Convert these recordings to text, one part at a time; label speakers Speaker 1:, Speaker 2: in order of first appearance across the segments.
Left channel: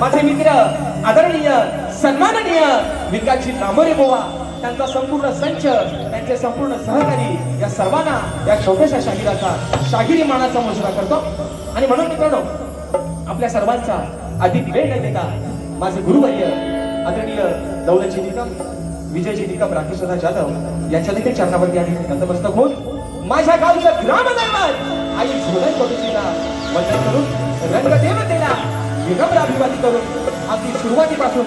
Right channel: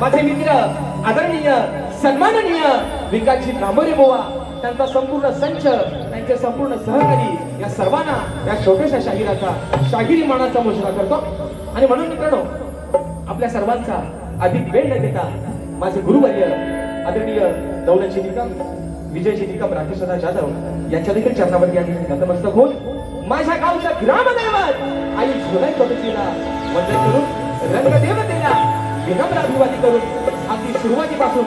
Speaker 1: माझे मित्र आदरणीय सन्माननीय विकासजी कांबोरे बोवा त्यांचा संपूर्ण संच त्यांचे संपूर्ण सहकारी या सर्वांना या छोट्याशा शाहिराचा शाहिरी मानाचा मुजरा करतो. आणि म्हणून मित्रांनो आपल्या सर्वांचा अधिक वेळ न देता माझे गुरुवर्य आदरणीय दौलतजी निकम विजयजी निकम राकेशदा जाधव यांच्या देखील चरणावरती आणि नतमस्तक होऊन माझ्या गावच्या ग्रामदैवत आई झोलाई पद्धतीला वंदन करून रंगदेवतेला विनम्र अभिवादी करून अगदी सुरुवातीपासून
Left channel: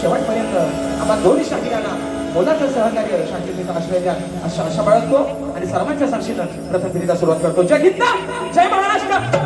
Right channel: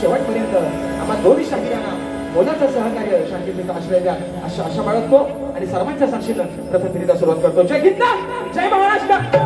Speaker 1: शेवटपर्यंत आपण दोन्ही शाखेयांना मोलाचं सहकार्य शांततेचा आश्रय द्या अशा आशा बाळगतो आणि सर्वांच्या साक्षीनं प्रथम सुरुवात करतो. जय गीता जय महाराष्ट्र!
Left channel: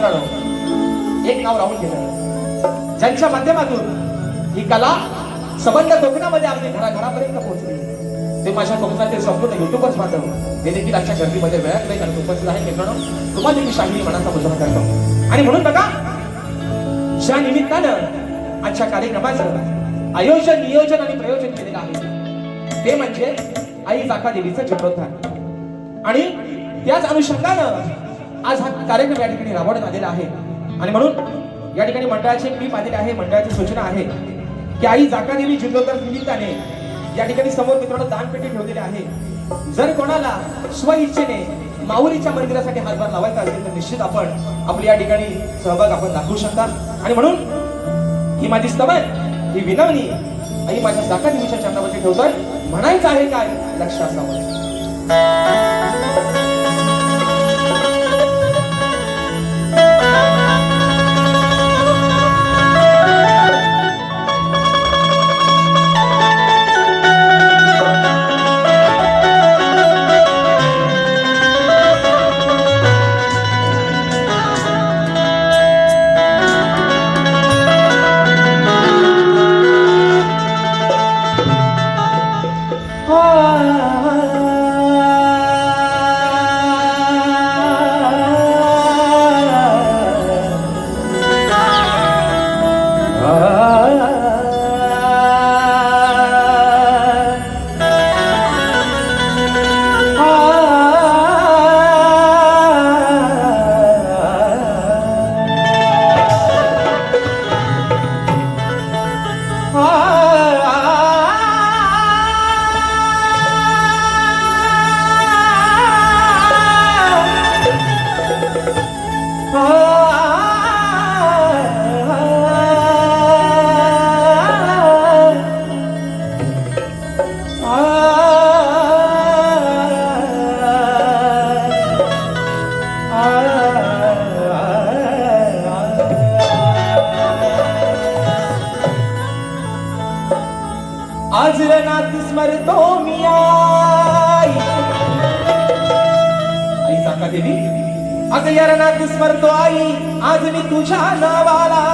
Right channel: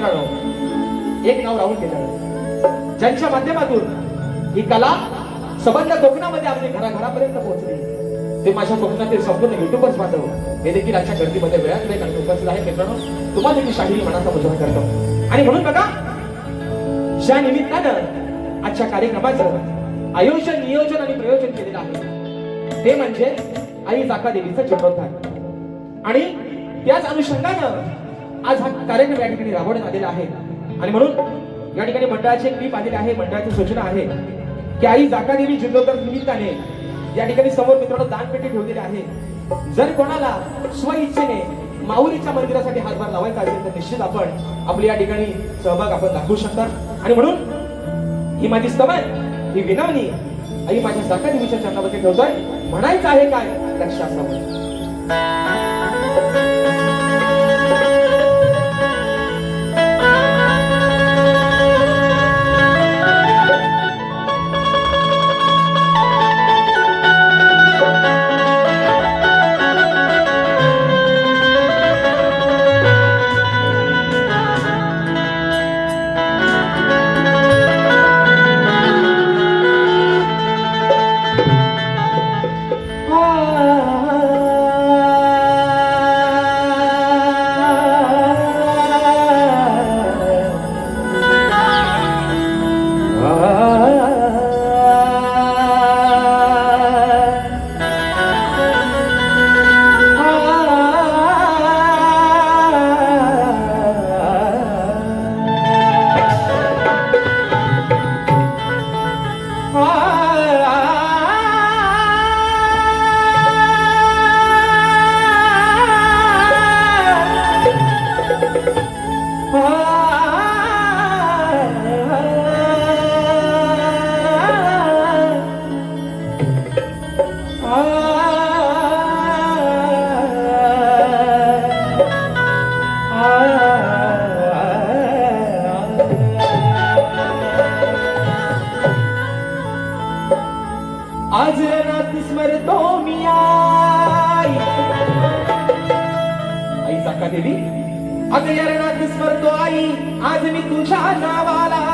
Speaker 1: मित्रांनो एक नाव राहून गेलं ज्यांच्या माध्यमातून ही कला सबंध कोकणामध्ये आम्ही घराघरापर्यंत पोहोचली. ते माझ्या कोकणातील संपूर्ण युट्यूबर्स मात्र हे देखील आजच्या गर्दीमध्ये वेळात नाही कारण उपस्थित आहे मित्रांनो तुम्हाला मी शाहिरी मनाचा मुजरा करतो. आणि म्हणून बघा ज्या निमित्तानं आजच्या कार्यक्रमाचं आयोजन नियोजन आणि प्रयोजन केलेलं आहे ते म्हणजे आई जाका देवीचं जन्मोत्थान आणि त्याच अनुषंगानं आज हा कार्यक्रम या ठिकाणी राबवण्यात आलेला आहे. आणि म्हणून या ठिकाणी मंडळाची एक क्लिप आलेली आहे मंडळाची सूचना आहे की आई जाकादेवी जिल्होत्तर निमित्ताने. या ठिकाणी समोर मित्रांनो दानपेटी ठेवलेली आहे. जर कोणाला स्व इच्छेने माऊलीच्या मंदिरासाठी हातभार लावायचा असेल तर निश्चित आपण आपली या ठिकाणी सहभाग आपण दाखवू शकता. आणि म्हणून ही माझी स्तवन ही विनवणी. आई माझ्या जाकादेवीच्या चरणावरती ठेवतोय. म्हणायचं आहे काय? लक्ष असावं स्मरतो मी आई आई सांगा देवी आज या रणात स्मरतो आई आज मी तुझ्या नावाला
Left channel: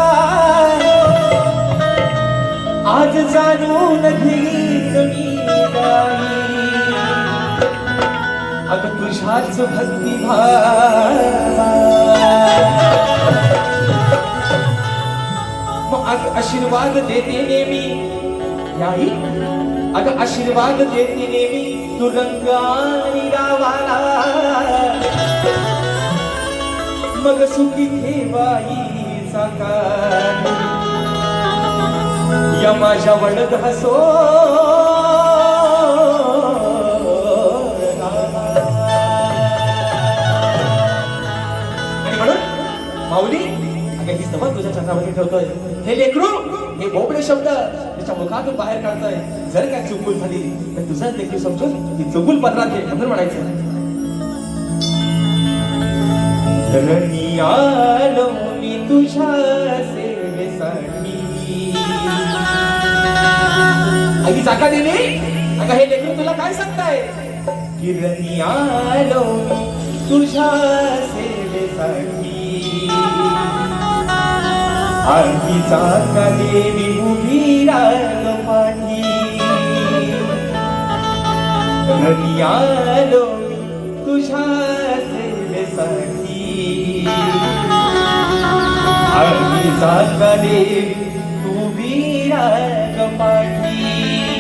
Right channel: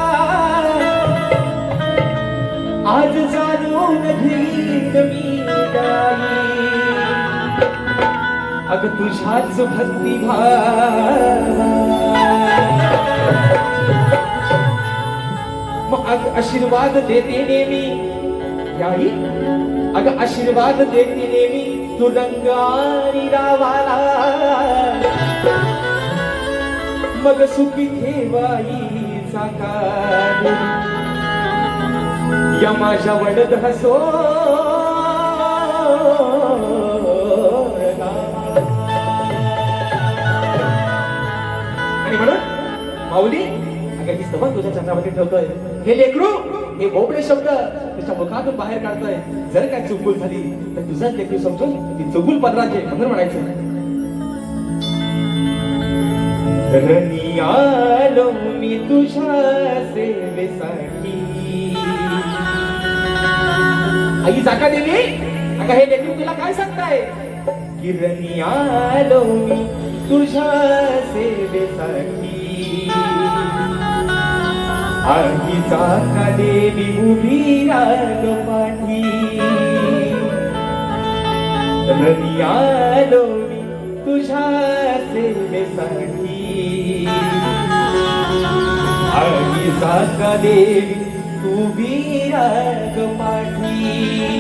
Speaker 1: आज जाणून घेईन मी अग तुझ्याच भक्ती मग अग आशीर्वाद देते नेहमी. याही? अग आशीर्वाद देती देवी तू रंग मग सुखी ठेवाई साकार. या माझ्या वडद हसो. म्हणून माऊली अगदी समज तुझ्या चंद्रामध्ये ठेवतोय. हे लेकरू हे भोपळे शब्द. त्याच्या मुखातून बाहेर काढतोय. जर काय चुकूल झाली तर तुझंच देखील समजून ती चुकूल पडला ते म्हणून म्हणायचं. रणी आलो मी तुझ्या सेवेसाठी. आई जागा देवी अगं हे लेकरू तुला काय सांगताय? किरणी आलो तुझ्या सेवेसाठी. आधी जाता देवी उभी राग पाठी रणी आलो मी तुझ्या सेवेसाठी आधी जाता देवी तू वीराग पाठी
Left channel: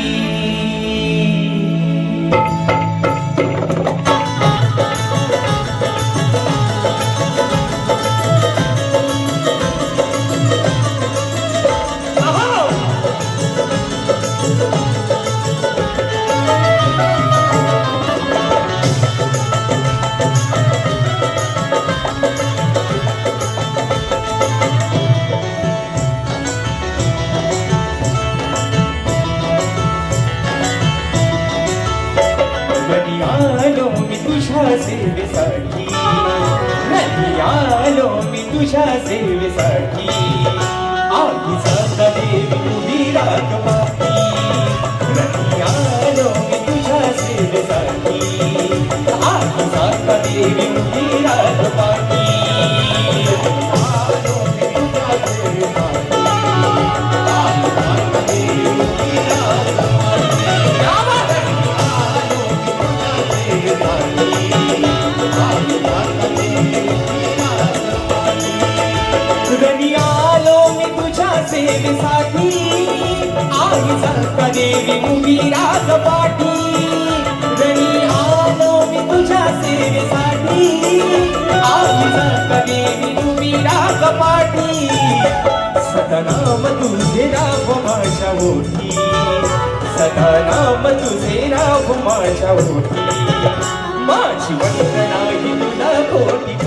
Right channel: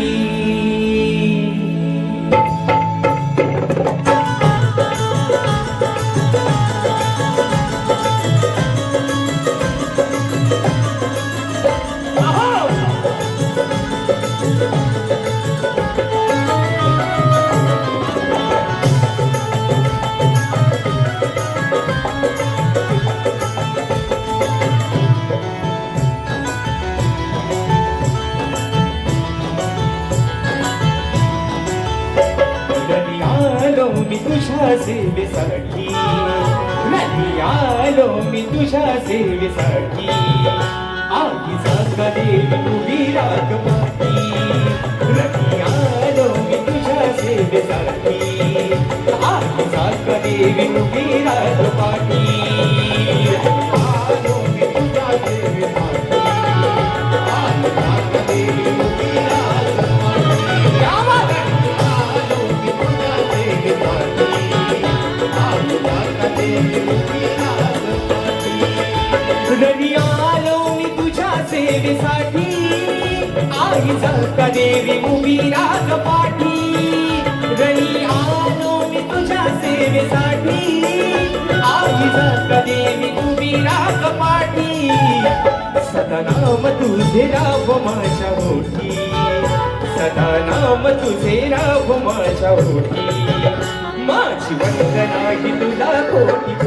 Speaker 1: सेवेसाठी आधी साधा देवी उभी राग आलो मी तुझ्या सेवेसाठी आधी साधा देवी उभी देवी उभी राग पाठी घरी आलो मी तुझ्या सेवेसाठी. आई सारखा देवी उभी राग पाठी सदनाम तुझे राव माझ्या होती सदनाम तुझे राव माझ्या होती माझी वंदना ही तुला कोटी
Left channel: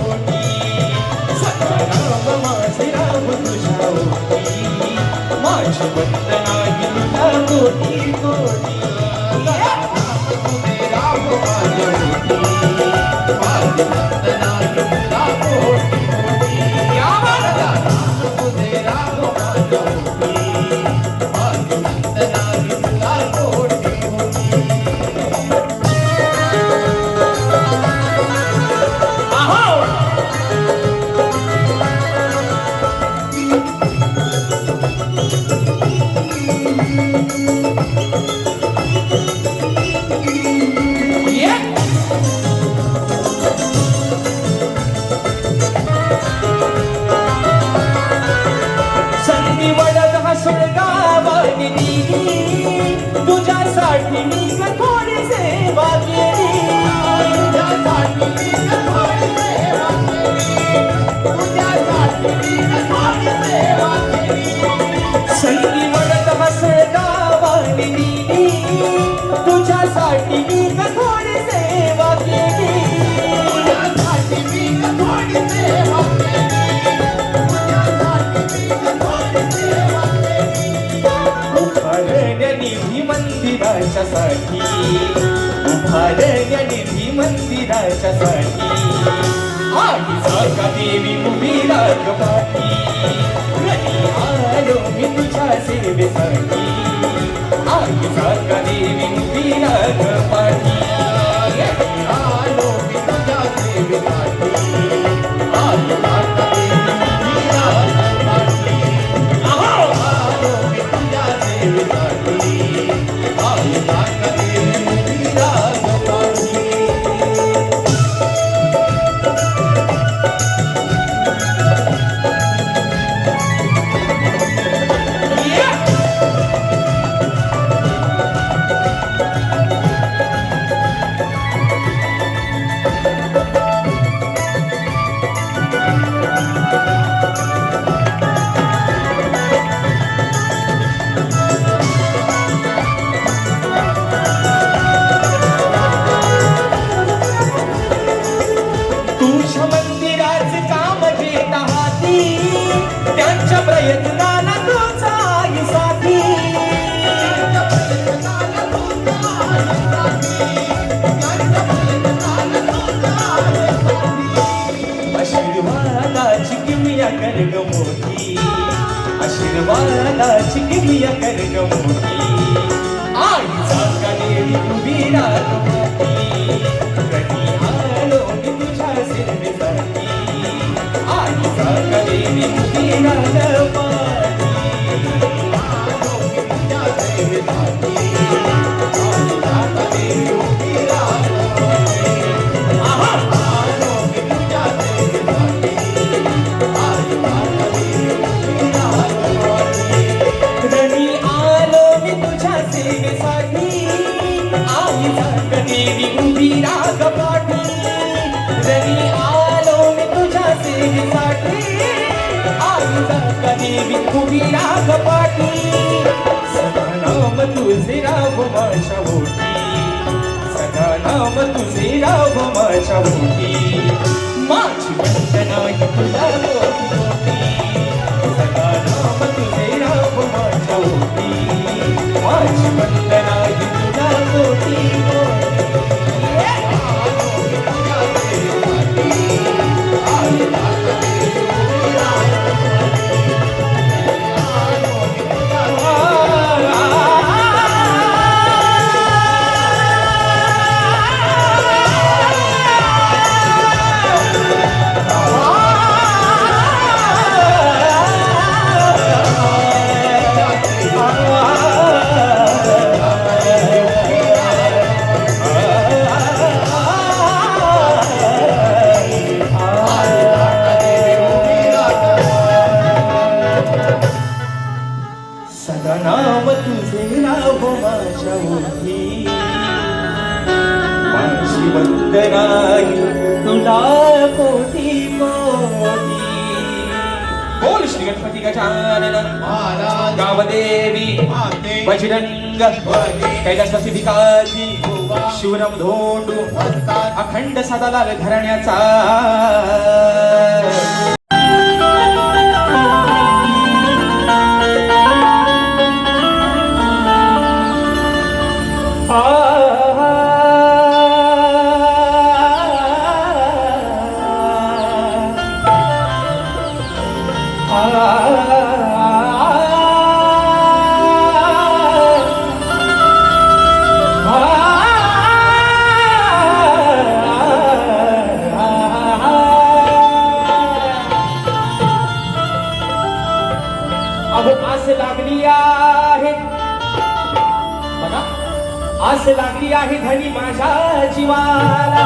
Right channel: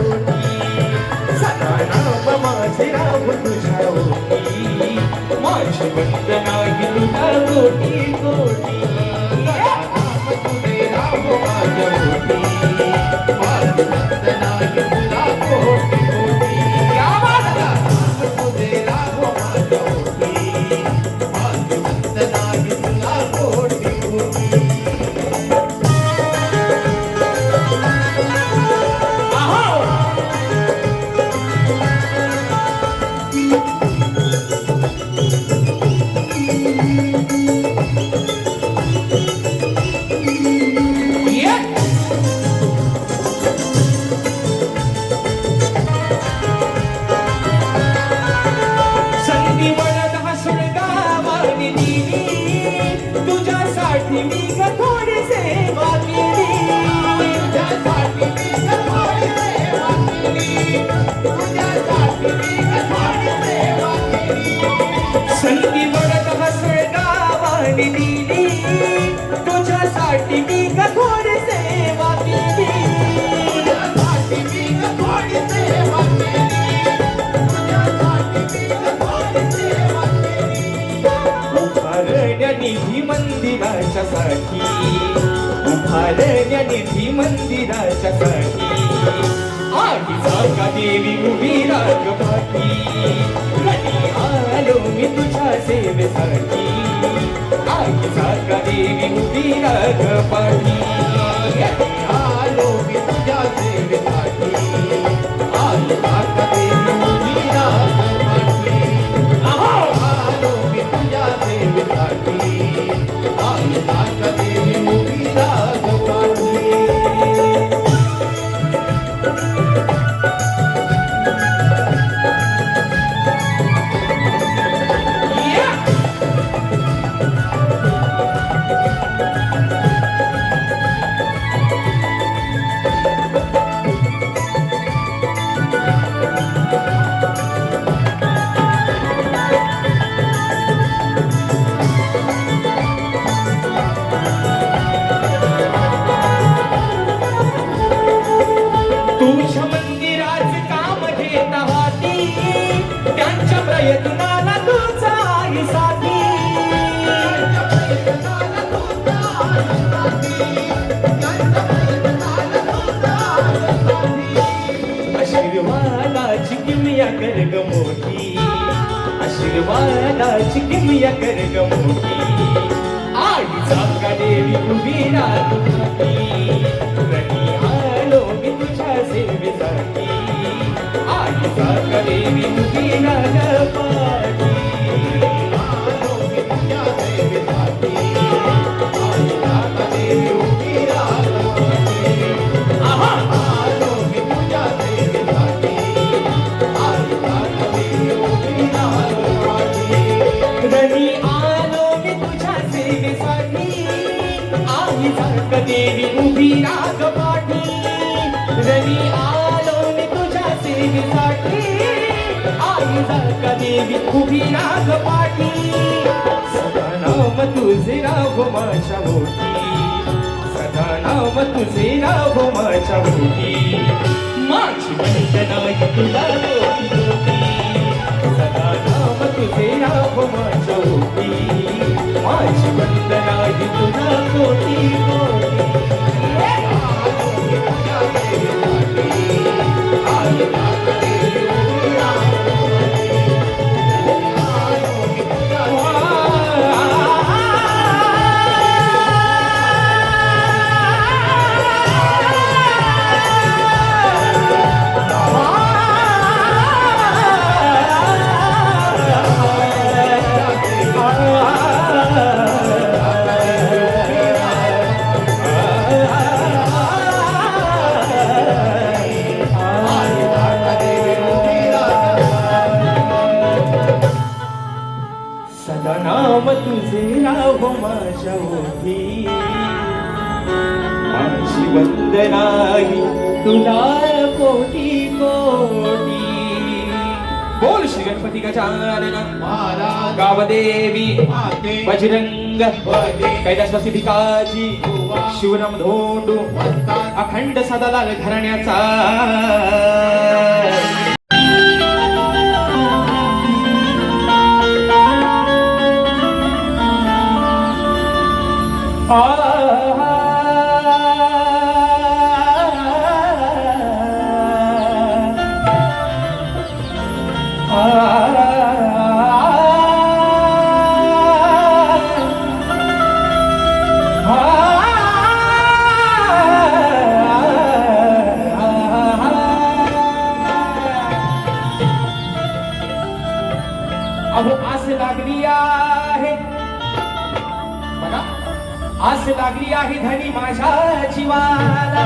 Speaker 1: गावाने दिली तुझ्यासाठी मी ग थोडी सेवा केली तुझ्यासाठी मी मंदिराच्या साठी उभारण्या निधी मंदिराच्या साठी आधी जागा देवी उभी राग पाठी आलो मी तुझ्या सेवेसाठी. आधी जागा देवी उभी राग पाठी आलो मी तुझ्या सेवेसाठी. Thank you. देवी उभी राग पाटी. सदा नाम तुझे राव माझ्या होती. सदा नाम तुझे राव माझ्या होती. माझी वंदना तुला कोटी सदा नाम तुझे राव माझ्या
Speaker 2: होती.
Speaker 1: बजरंग
Speaker 2: बजरंग,
Speaker 1: कैलासवासी भिकाजी शिवराम धोंडू
Speaker 2: वस्ताद,
Speaker 1: अखंड सदालाल घराण्याचा लागली माझ्या जीवाला.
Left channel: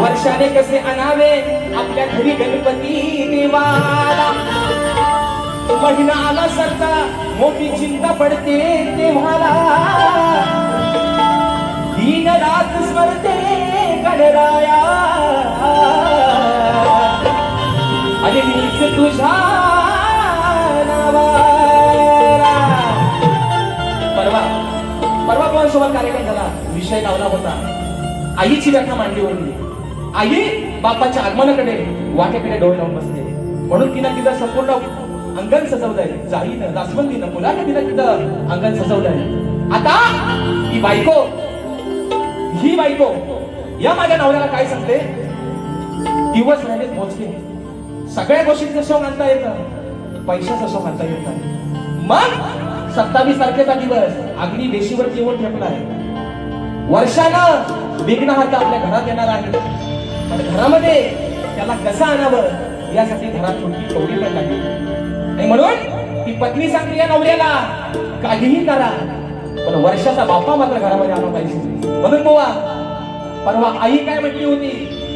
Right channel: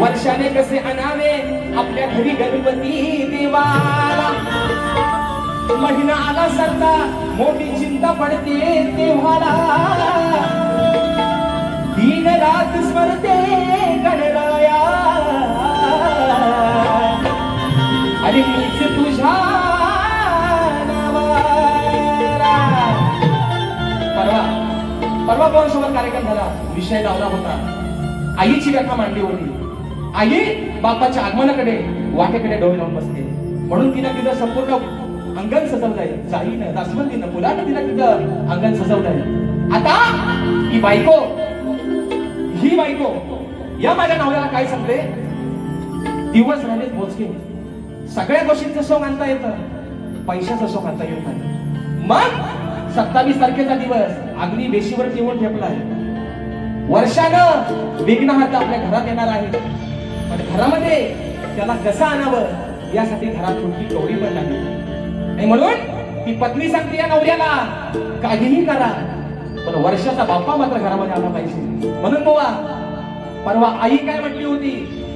Speaker 1: वर्षाने कसे आणावे आपल्या घरी गणपती देवाला. महिना आला सरता मोठी चिंता पडते तेव्हाला. दिन रात स्मरते गणराया. अरे मीच तुझ्या वर्षभर कार्यक्रम झाला विषय लावला होता. आईची व्याख्या मांडली होती आई बापाच्या आगमनाकडे वाटेकडे डोळे लावून बसते म्हणून तिनं तिथं संपूर्ण अंगण सजवलंय. जाईनं दासवंतीनं मुलाने तिनं तिथं अंगण सजवलंय. आता ही बायको ही बायको या माझ्या नवऱ्याला काय सांगते? दिवस राहिलेत मोजके. सगळ्या गोष्टींचं शोक आणता येतं. पैशाचं शोक आणता येत. नाही मग सत्तावीस तारखेचा दिवस. अग्नी वेशीवर जेवण ठेवलाय वर्षानं विघ्न हात आपल्या घरात येणार आहे. आणि घरामध्ये त्याला कसं आणावं यासाठी घरात कोणती कवडी पण लागली आणि म्हणून ती पत्नी सांगते या नवऱ्याला काहीही करा पण वर्षाचा बाप्पा मात्र घरामध्ये आला पाहिजे. म्हणून बोवा परवा आई काय म्हटली होती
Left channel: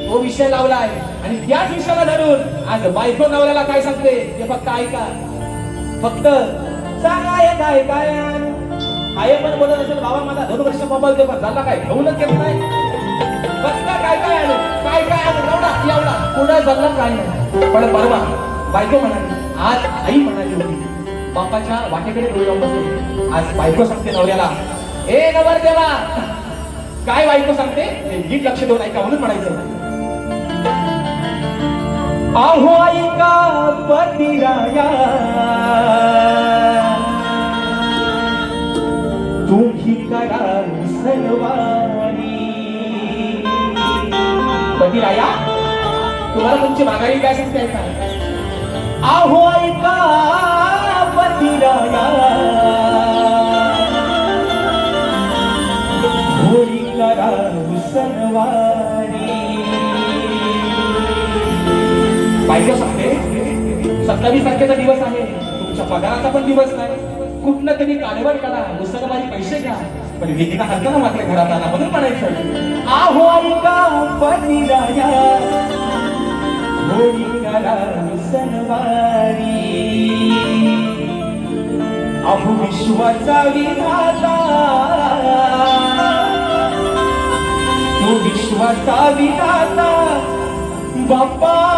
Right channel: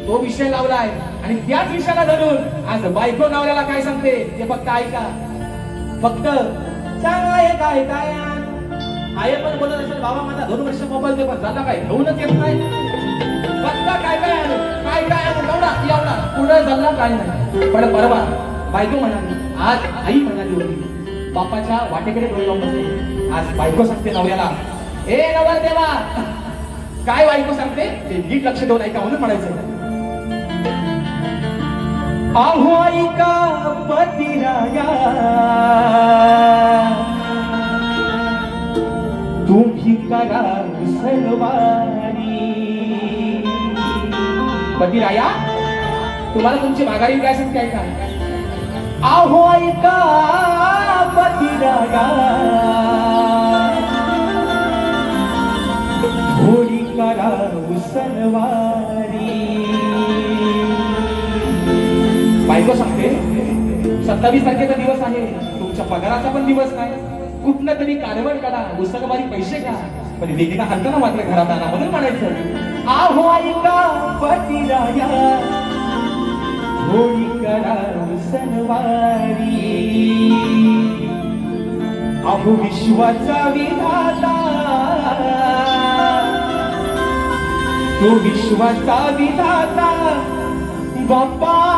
Speaker 1: तो विषय लावलाय. आणि त्याच विषयाला धरून आज बायको नवऱ्याला काय सांगते ते फक्त ऐका. फक्त काय काय? आई पण बोलत असेल बाबा माझा दोन वर्ष मोबाईल ते पण झाला काय? घेऊनच येत नाही फक्त काय? काय आलो? काय काय आलो? एवढा एवढा. पुढे झाला काय नाही. पण परवा बायको म्हणाली आज आई म्हणाली होती बापाच्या वाटेकडे डोळे लावून बसले. आज बायको सांगते नवऱ्याला ए नवर देवा काय बायको सांगते? नीट लक्ष देऊन ऐका म्हणून म्हणायचं. आहो ऐका पतिराया करा सर्वानी. पतिराया तुम्हाला तुमची माघारी काय सांगते ऐका आहो ऐका पतिराया होळी करा सणवारी
Speaker 3: बायको सांगते सत्तावीस तारखेचा दिवस आहे. तुमच्या पगाराचा पण दिवस नाही. कुठनं तरी काढवड काढा उसरमारी पैसे घ्या. पण वेदीला हलका मागल्या घरात आला म्हणून म्हणायचं.
Speaker 1: आहो ऐका पतिराया होळी करा सणवारी. अहो विश्वाचा विधाता. तो विश्वाचा विधाता बाप्पा.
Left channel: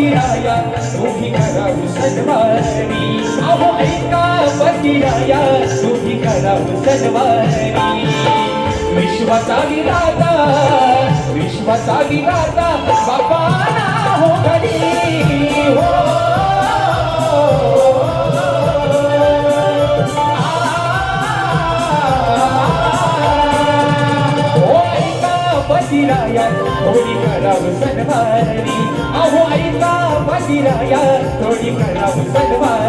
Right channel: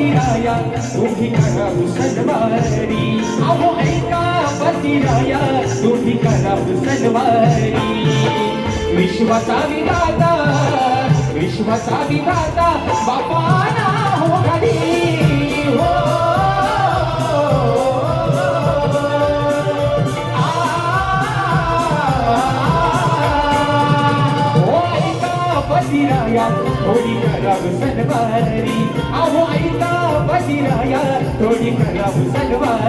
Speaker 1: पतिराया तुम्ही करावं सजवारी अहो ऐका पतिराया तुम्ही करावं सजवारी विश्वाचा विधाता विश्वाचा विधाता बाबा ना हो घरी पतिराया थोडी करावं सजवारी अहो ऐका पतिराया थोडी करावं सजवारी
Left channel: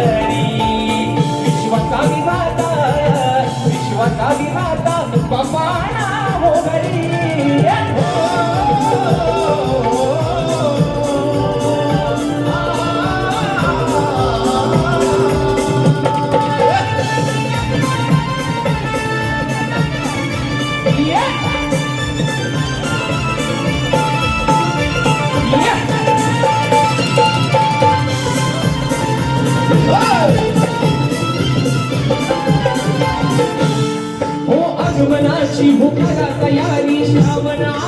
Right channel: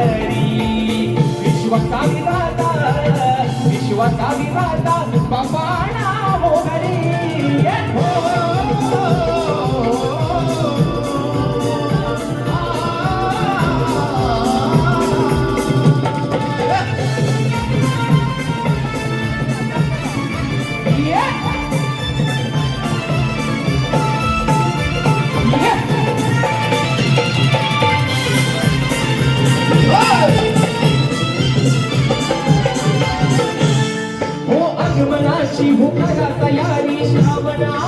Speaker 1: आगमनाची मुखाला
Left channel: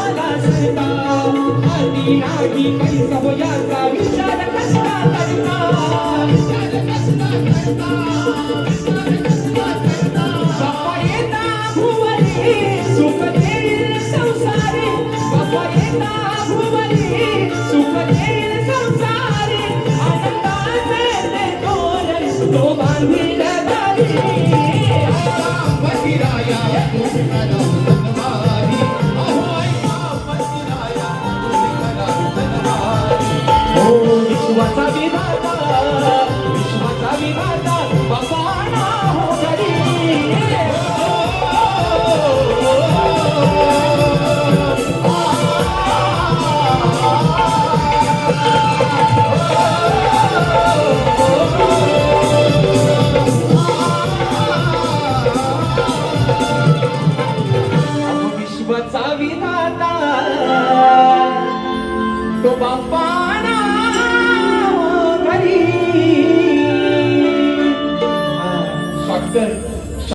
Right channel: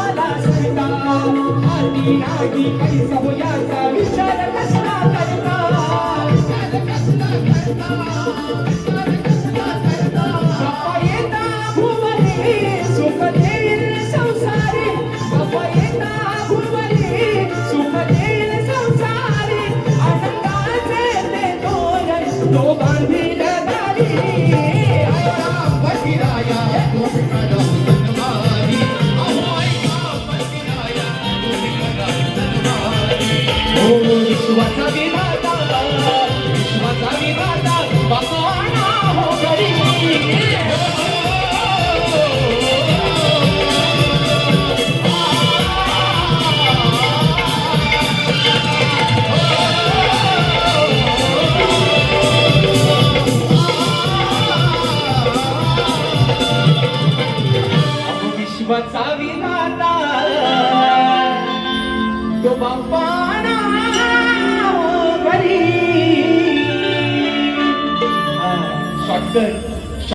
Speaker 1: Sua cabeça